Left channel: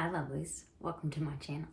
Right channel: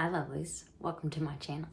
Hi lovelies, welcome to my channel.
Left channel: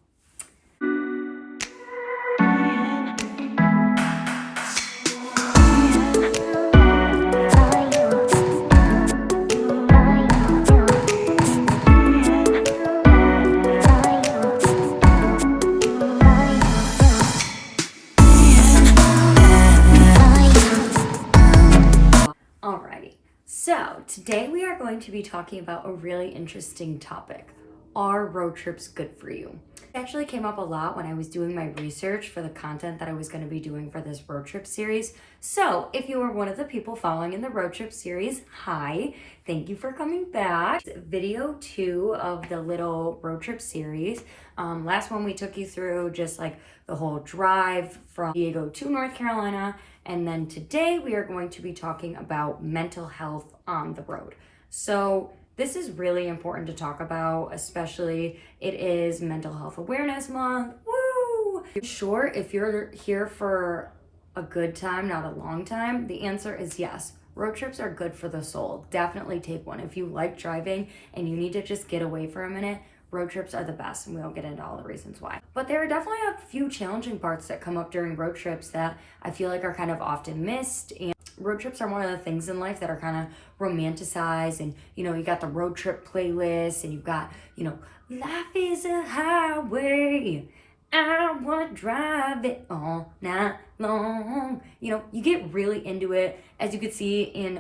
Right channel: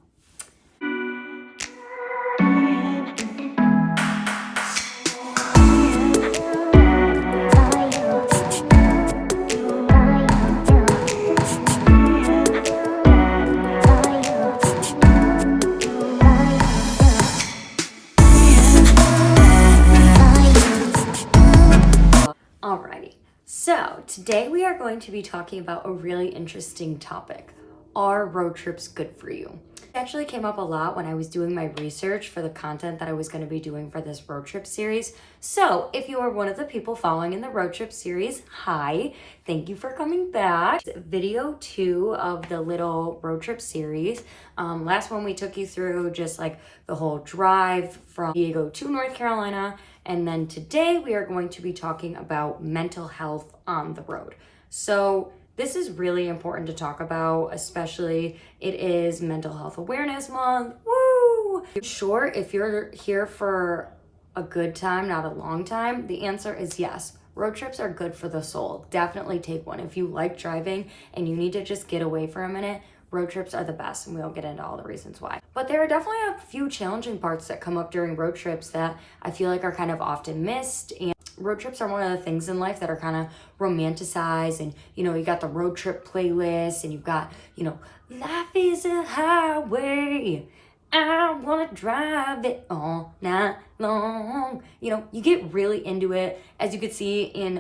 Alrighty, so today we are going to be talking about a really interesting topic. Are road trips good for you? It actually came up a lot when I was doing my research for the content that I was going to be doing for this road trip series. So if you are one of the people following in the road trip series, hi, thank you for coming back. Video 2 of the little road trip series. Last one we took you through just like the whole drive from Diego to North Carolina. And then today we are going to be talking about mental health on the road. So this is really important to talk about, especially it is Mental Health Awareness Month. Woo! Sure, if you're here for a good time, not a long time, the answer is yes. Road trips are good for the soul. Definitely take one. If you like driving and you need to just get away for a minute, road trips are the best, and we'll get into all the reasons why. But there are definitely a few challenging parts that come up during road trips that I feel like are kind of often missed. And road trips are one of the things in life that are kind of romanticized, and you got the road trip playlist, and you've got, life is a highway. I want to drive it all night long. You get really into it. As you could see in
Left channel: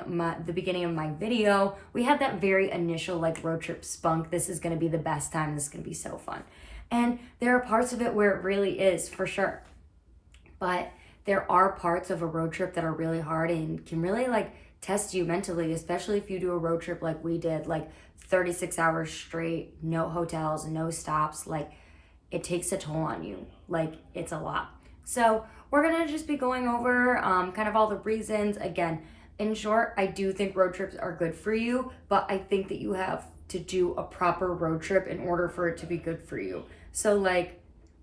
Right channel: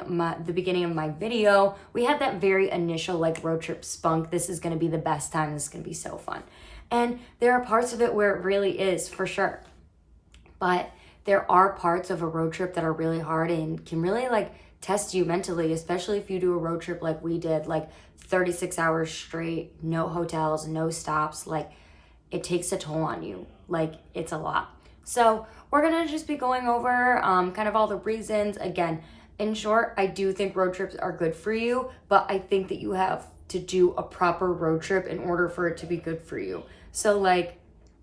the beginning of my video, we had that very initial road trip spunk. This is going to be the best time. This is going to be so fun. And there are parts of it where it really is, for sure. But there are parts of a road trip that are really hard and can really test you mentally, especially if you do a road trip like we did, 36 hours straight, no hotels, no stops. It takes a toll on you. It's a lot. So we're going to just be going over kind of all the reasons. Again, in short, I do think road trips are good for you, but I think that you have to do a proper road trip in order for it to be good for you. So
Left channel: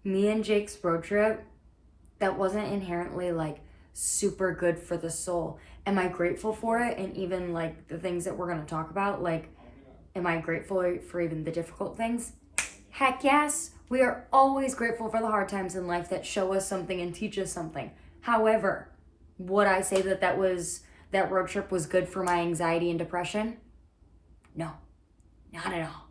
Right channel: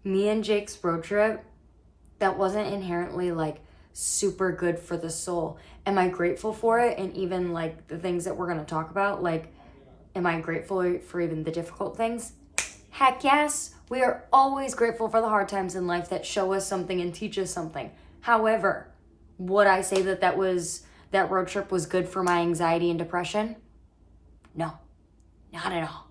me and Jake's road trip, that wasn't inherently super good for the soul. Am I grateful for it? And even the things that we're going to talk about, am I grateful for even the difficult things? Heck yes. We are always grateful for the hard times in life that show us something and teach us something. However, would I say that road trip was good for my anxiety and depression? No, not at all.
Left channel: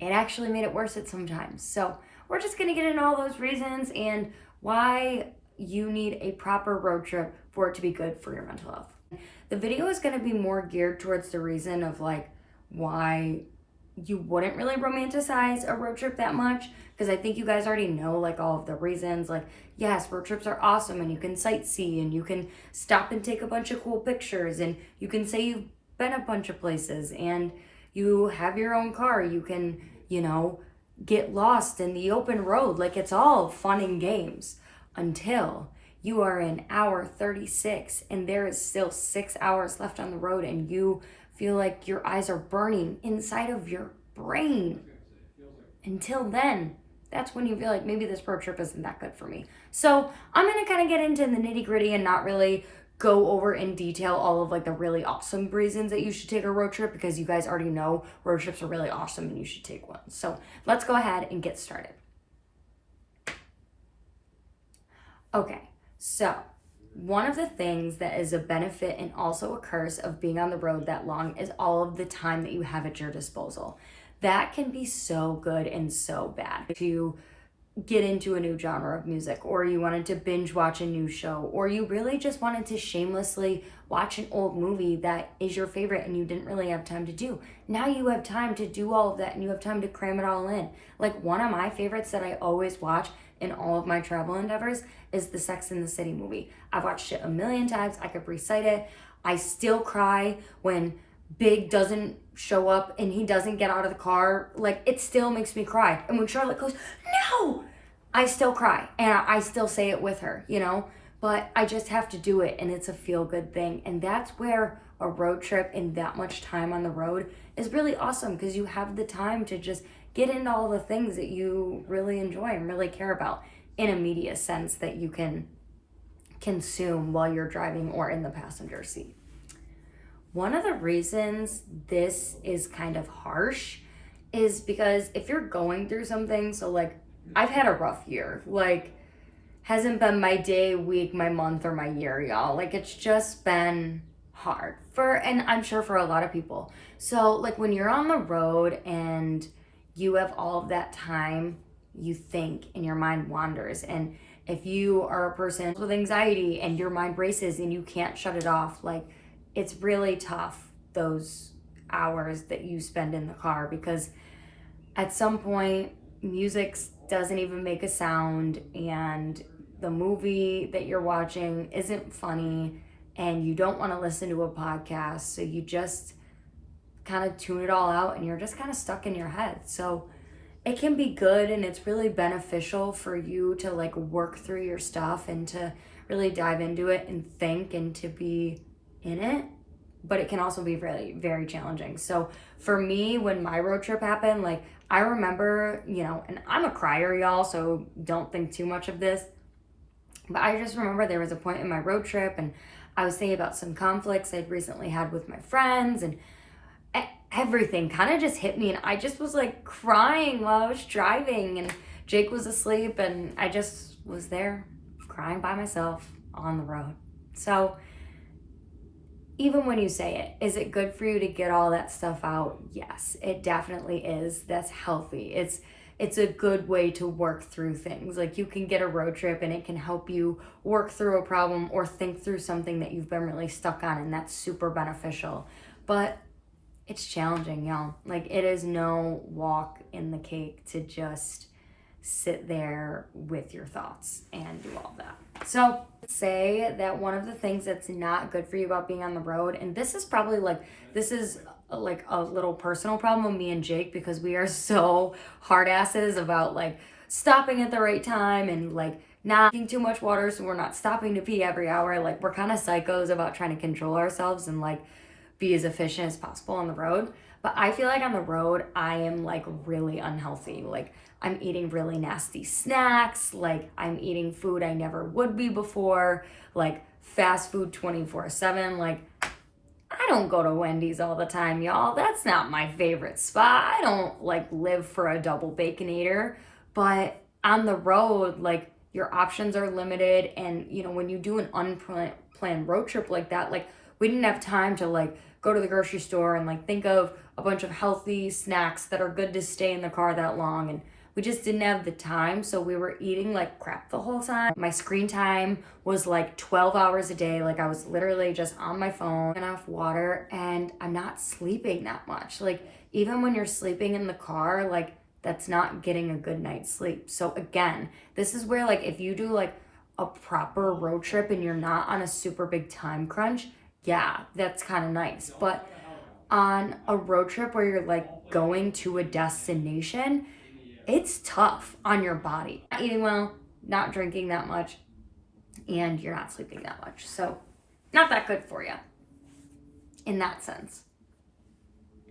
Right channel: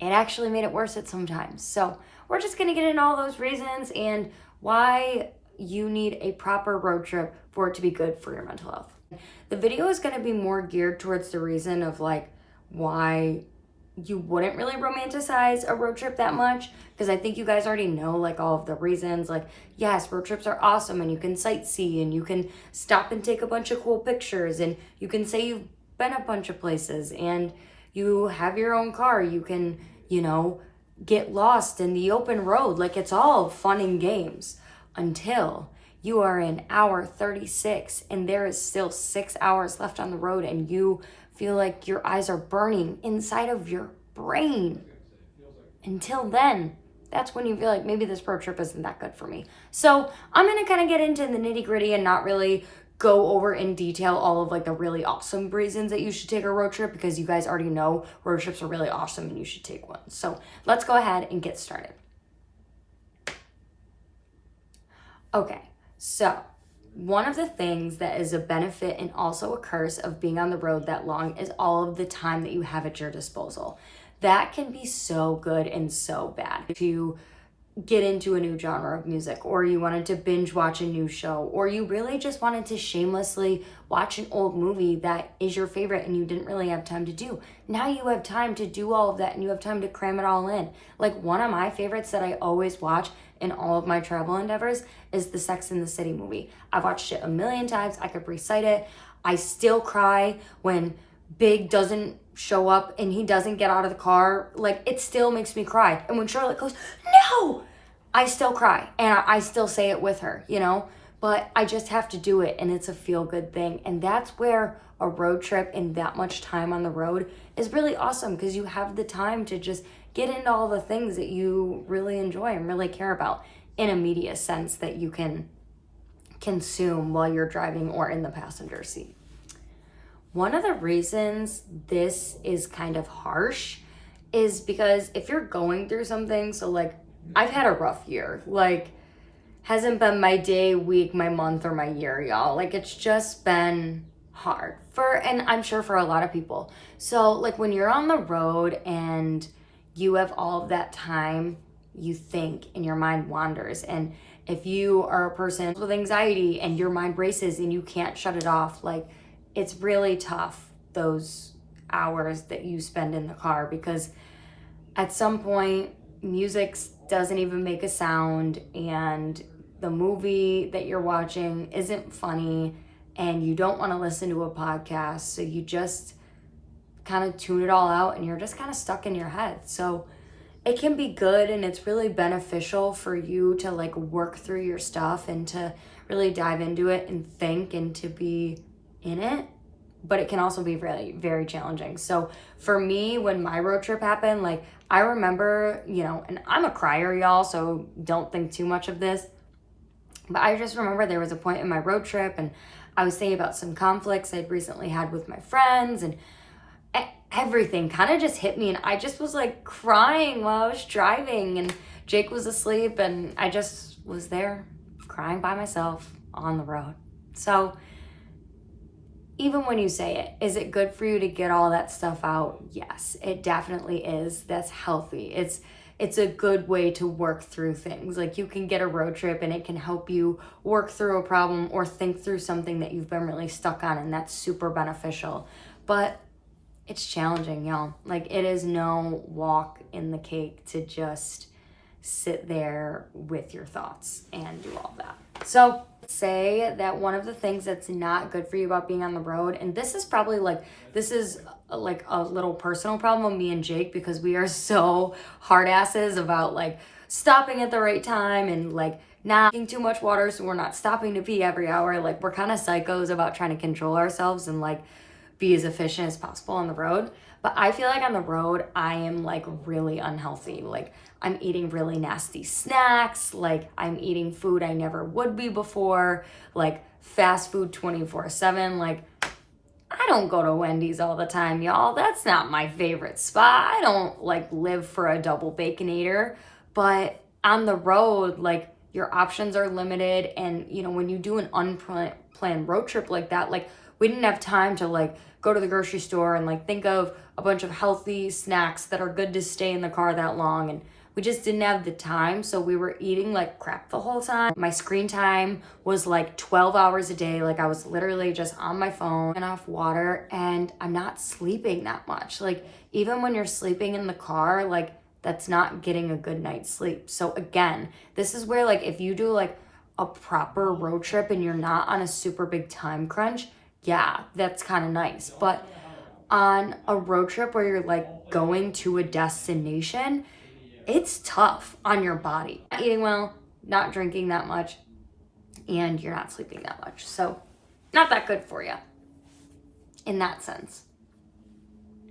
It actually made it worse at sometimes. So we're just going to get into all those reasons and why you need a proper road trip for it to be good for your mental health. The video is going to be more geared towards the reason of why you wouldn't really romanticize a road trip that much, because I think you guys already know all of the reasons. Yes, road trips are awesome, and you can sightsee, and you can stop and take a bunch of cool pictures, and you can say you've been a bunch of places, and you have your own car. You can, get lost in the open road. It's all fun and games until you are in hour 36 and there is still 6 hours left on the road, and you feel like your eyes are burning inside of your brain. Until then, that's when you feel like maybe this road trip isn't that good for me. So I'm going to kind of get into the nitty gritty and not really go over in detail all of the really awesome reasons that you should take a road trip, because you guys already know road trips are really awesome and you should take one. So let's go ahead and get started. Okay, so one of the things that is a benefit and also a curse of being on the road that long is all of the time that you have at your disposal. That can be so good and so bad. If you get into a new genre of music, or you wanted to binge watch a new show, or you really just wanted to shamelessly watch an old movie that is your favorite and you didn't really have time to do. Now you have time to do all of that, and you have time to cram it all in. One of my favorites that I always watch in all of my travel endeavors is the Sex and the City movie. I've watched it a million times. I could recite it. I still cry when Big doesn't show up and he doesn't get out of the car. It still makes me cry. And when Charlotte goes, no, I still cry. And I still say it with her, But I just have to do it, and it's a feel-good thing. And that's where a road trip and that much time on the road is really awesome, because you have the time to just get into all the things that you really enjoy and really care about in a media sense that you can consume while you're driving or in the passenger seat. One of the reasons this is kind of harsh is because if you're going through something, so like I've had a rough year, like hasn't been my day, week, my month, or my year, y'all. Like it's just been hard and I'm sure for a lot of people. So like when you're on the road and you have all of that time, you think and your mind wanders. And if you are a person with anxiety and your mind races and you can't shut it off, like it's really tough those hours that you spend in the car, because at some point music doesn't even make a sound and the movie that you're watching isn't funny and you don't want to listen to a podcast, so you just kind of tune it all out and you're just kind of stuck in your head. So it can be good and it's really beneficial for you to like work through your stuff and to really dive into it and think and to be in it, but it can also be really very challenging. So for me, when my road trip happened, like I remember, and I'm a crier, y'all, so don't think too much of this, but I just remember there was a point in my road trip and I was thinking about some conflicts I'd recently had with my friends, and everything kind of just hit me, and I just was like crying while I was driving, and Jake was asleep and I just was there crying by myself on the road. So even when you say it, is it good for you to get all that stuff out? Yes, it definitely is. That's healthy. It's a good way to work through things. Like you can get a road trip and it can help you work through a problem or think through something that you've been really stuck on, and that's super beneficial. But it's challenging, y'all. Like it is no walk in the cake to just sit there with your thoughts and do all that. So say that one of the things that's not good for you about being on the road, and this is like a little personal problem with me and Jake, because we are so hard asses about like stopping at the right time and like not drinking too much water, so we're not stopping to pee every hour. Like we're kind of psychos about trying to control ourselves and like be as efficient as possible on the road. But I feel like on the road, I am like really unhealthy. Like I'm eating really nasty snacks. Like I'm eating food I never would be before. Like fast food 24/7. Like I don't go to Wendy's all the time, y'all. That's not my favorite spot. I don't like live for a double baconator. But on the road, like your options are limited. And when you do an unplanned road trip like that, like we didn't have time to like go to the grocery store and like think of a bunch of healthy snacks that are good to stay in the car that long, and we just didn't have the time. So we were eating like crap the whole time. My screen time was like 12 hours a day. Like I was literally just on my phone and off water, and I'm not sleeping that much. Like even when you're sleeping in the car, like that's not getting a good night's sleep. So again, this is where like if you do like a proper road trip and you're not on a super big time crunch, yeah, that's kind of nice. But on a road trip where you're like going to a destination, it's tough on your body. Not eating well, not drinking that much, and you're not sleeping that much. So not that good for you in that sense.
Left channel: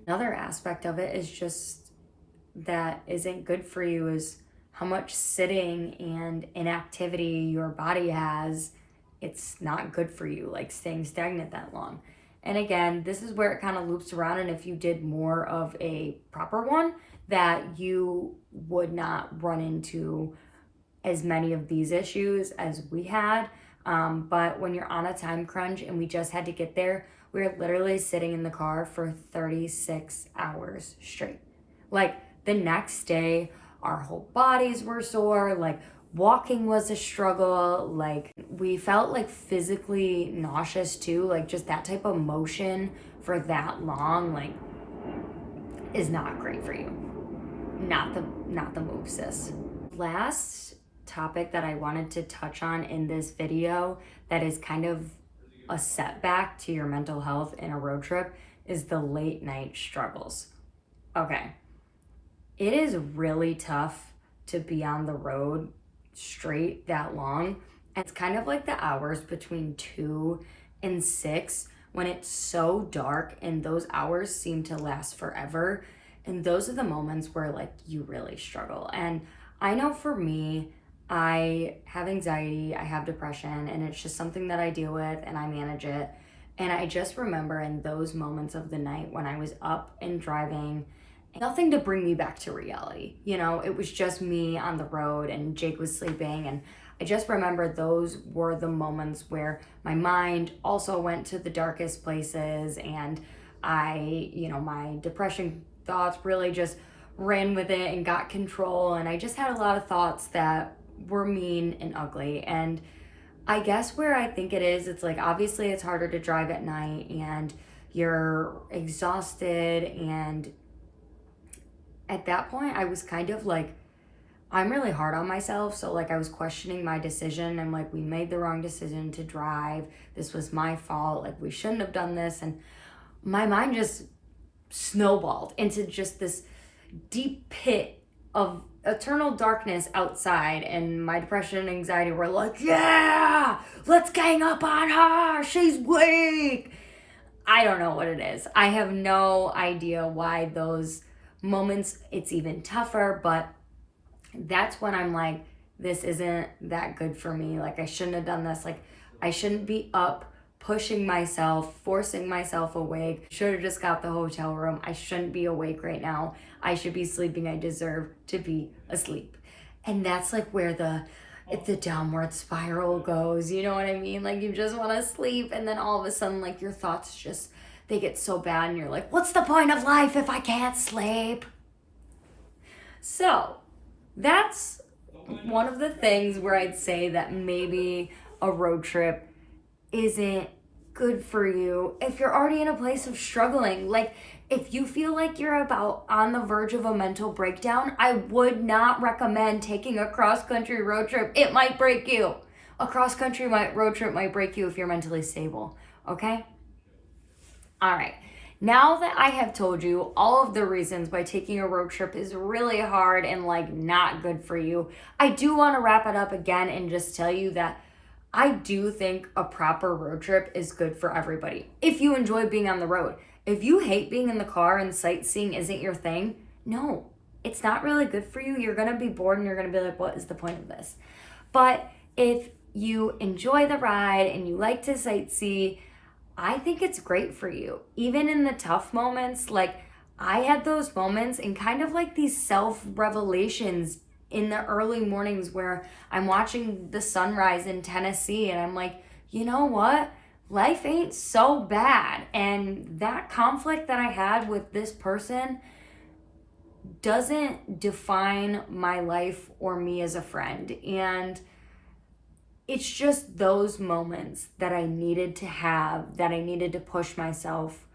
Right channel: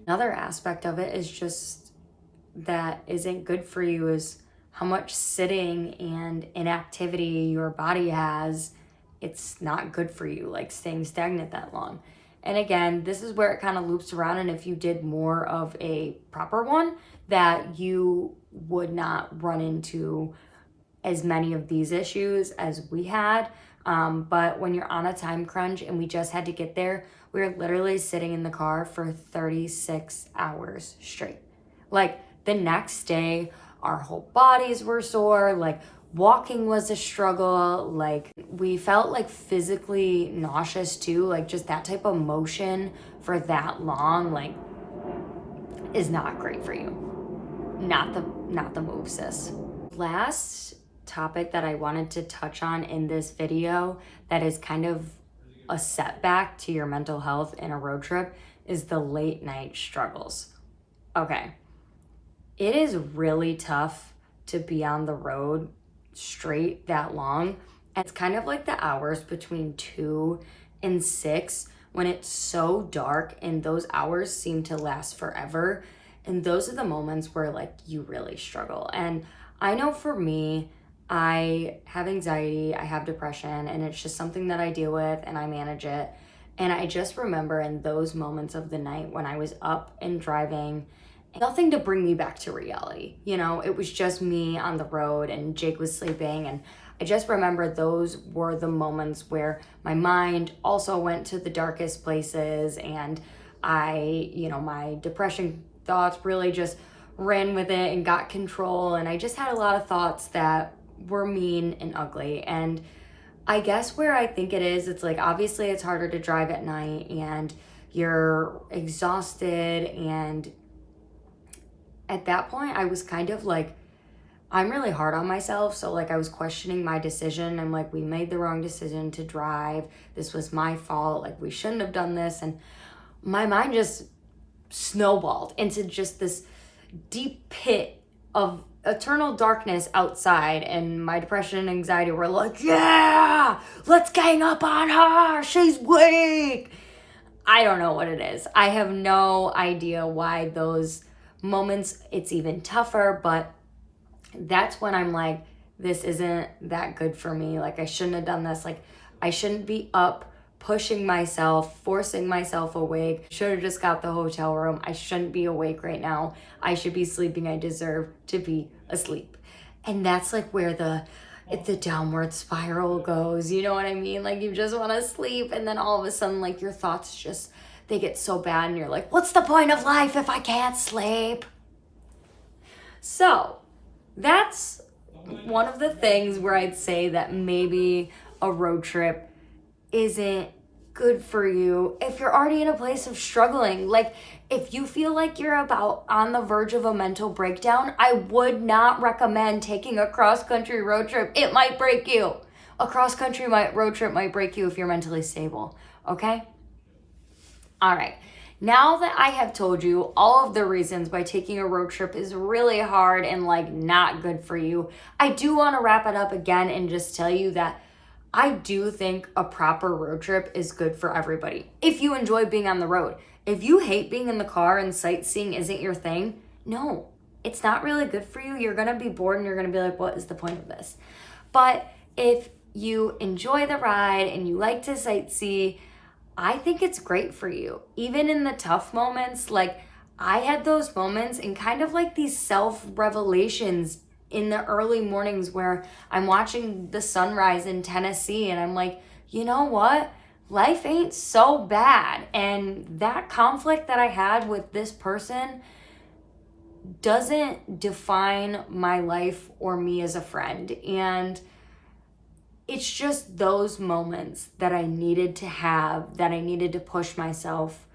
Another aspect of it is just that isn't good for you is how much sitting and inactivity your body has. It's not good for you, like staying stagnant that long. And again, this is where it kind of loops around. And if you did more of a proper one, that you would not run into as many of these issues as we had. But when you're on a time crunch and we just had to get there, we were literally sitting in the car for 36 hours straight. Like the next day, our whole bodies were sore. Like walking was a struggle. Like we felt like physically nauseous too. Like just that type of motion for that long, like is not great for you. Not the move, sis. Last topic that I wanted to touch on in this video that is kind of a setback to your mental health in a road trip is the late night struggles. Okay. It is really tough to be on the road straight that long. And it's kind of like the hours between 2 and 6 when it's so dark and those hours seem to last forever. And those are the moments where like you really struggle. And I know for me, I have anxiety, I have depression, and it's just something that I deal with and I manage it. And I just remember in those moments of the night when I was up and driving Nothing to bring me back to reality. You know, it was just me on the road and Jake was sleeping, and I just remember those were the moments where my mind also went to the darkest places, and my depression thoughts really just ran with it and got control, and I just had a lot of thoughts that were mean and ugly. And I guess where I think it is, it's like, obviously it's harder to drive at night and you're exhausted, and at that point I was kind of like, I'm really hard on myself. So like I was questioning my decision. I'm like, we made the wrong decision to drive. This was my fault. Like, we shouldn't have done this. And my mind just snowballed into just this deep pit of eternal darkness outside. And my depression and anxiety were like, yeah, let's gang up on her. She's weak. I don't know what it is. I have no idea why those moments it's even tougher, but that's when I'm like, this isn't that good for me. Like, I shouldn't have done this. Like, I shouldn't be up pushing myself, forcing myself awake. Should have just got the hotel room. I shouldn't be awake right now. I should be sleeping. I deserve to be asleep. And that's like where the downward spiral goes. You know what I mean? Like, you just want to sleep, and then all of a sudden, like, your thoughts just, they get so bad, and you're like, what's the point of life if I can't sleep? So that's one of the things where I'd say that maybe a road trip isn't good for you if you're already in a place of struggling. Like, if you feel like you're about on the verge of a mental breakdown, I would not recommend taking a cross-country road trip. It might break you. A cross-country road trip might break you if you're mentally stable, okay? All right. Now that I have told you all of the reasons why taking a road trip is really hard and like not good for you, I do want to wrap it up again and just tell you that I do think a proper road trip is good for everybody. If you enjoy being on the road, if you hate being in the car and sightseeing isn't your thing, no, it's not really good for you. You're going to be bored and you're going to be like, what is the point of this? But if you enjoy the ride and you like to sightsee, I think it's great for you. Even in the tough moments, like I had those moments and kind of like these self-revelations in the early mornings where I'm watching the sunrise in Tennessee and I'm like, you know what? Life ain't so bad. And that conflict that I had with this person doesn't define my life or me as a friend. And it's just those moments that I needed to have, that I needed to push myself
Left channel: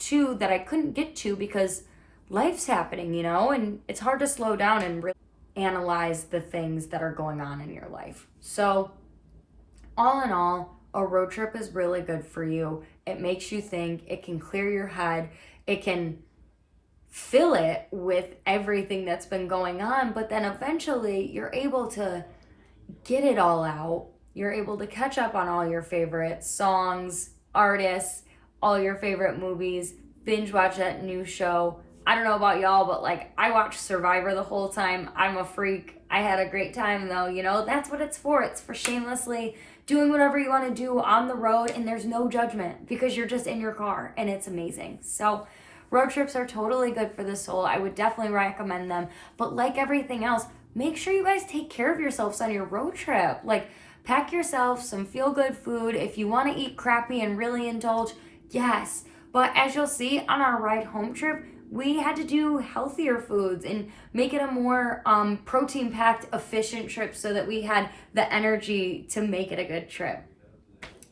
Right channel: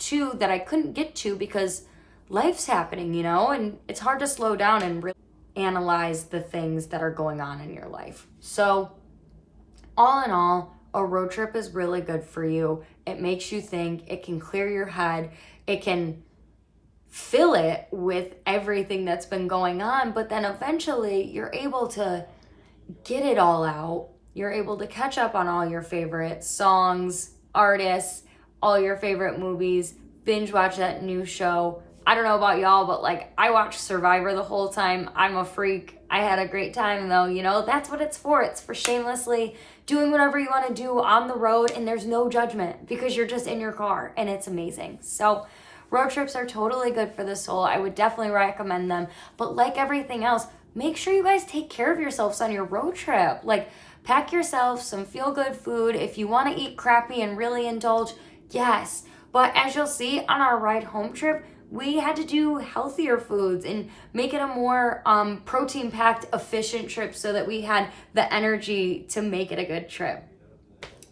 to, that I couldn't get to because life's happening, you know, and it's hard to slow down and really analyze the things that are going on in your life. So all in all, a road trip is really good for you. It makes you think, it can clear your head, it can fill it with everything that's been going on, but then eventually you're able to get it all out. You're able to catch up on all your favorite songs, artists, all your favorite movies, binge watch that new show. I don't know about y'all, but like I watched Survivor the whole time. I'm a freak. I had a great time though, you know, that's what it's for. It's for shamelessly doing whatever you want to do on the road, and there's no judgment because you're just in your car and it's amazing. So road trips are totally good for the soul. I would definitely recommend them. But like everything else, make sure you guys take care of yourselves on your road trip. Like, pack yourself some feel-good food. If you want to eat crappy and really indulge, yes. But as you'll see on our ride home trip, we had to do healthier foods and make it a more protein-packed, efficient trip so that we had the energy to make it a good trip.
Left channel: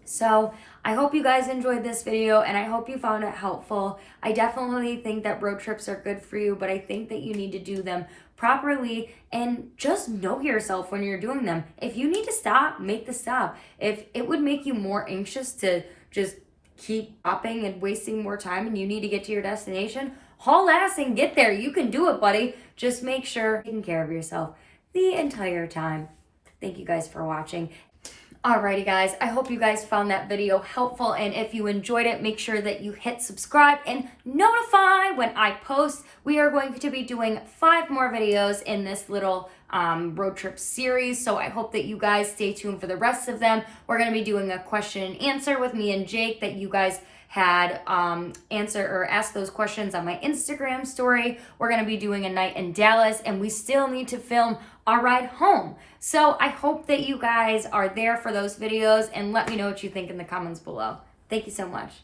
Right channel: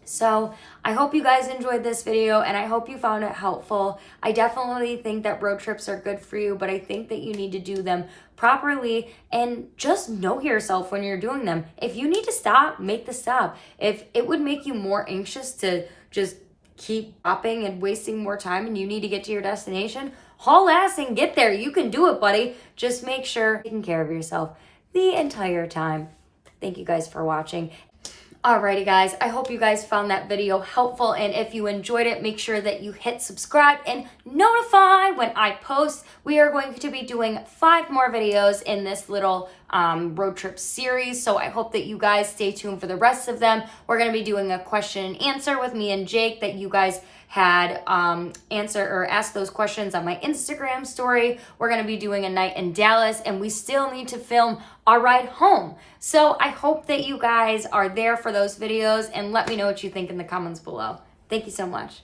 So I hope you guys enjoyed this video and I hope you found it helpful. I definitely think that road trips are good for you, but I think that you need to do them properly and just know yourself when you're doing them. If you need to stop, make the stop. If it would make you more anxious to just keep stopping and wasting more time and you need to get to your destination, haul ass and get there. You can do it, buddy. Just make sure you're taking care of yourself the entire time. Thank you guys for watching. Alrighty guys, I hope you guys found that video helpful, and if you enjoyed it, make sure that you hit subscribe and notify when I post. We are going to be doing 5 more videos in this little road trip series, so I hope that you guys stay tuned for the rest of them. We're going to be doing a question and answer with me and Jake that you guys had answer or asked those questions on my Instagram story. We're gonna be doing a night in Dallas, and we still need to film our ride home. So I hope that you guys are there for those videos, and let me know what you think in the comments below. Thank you so much.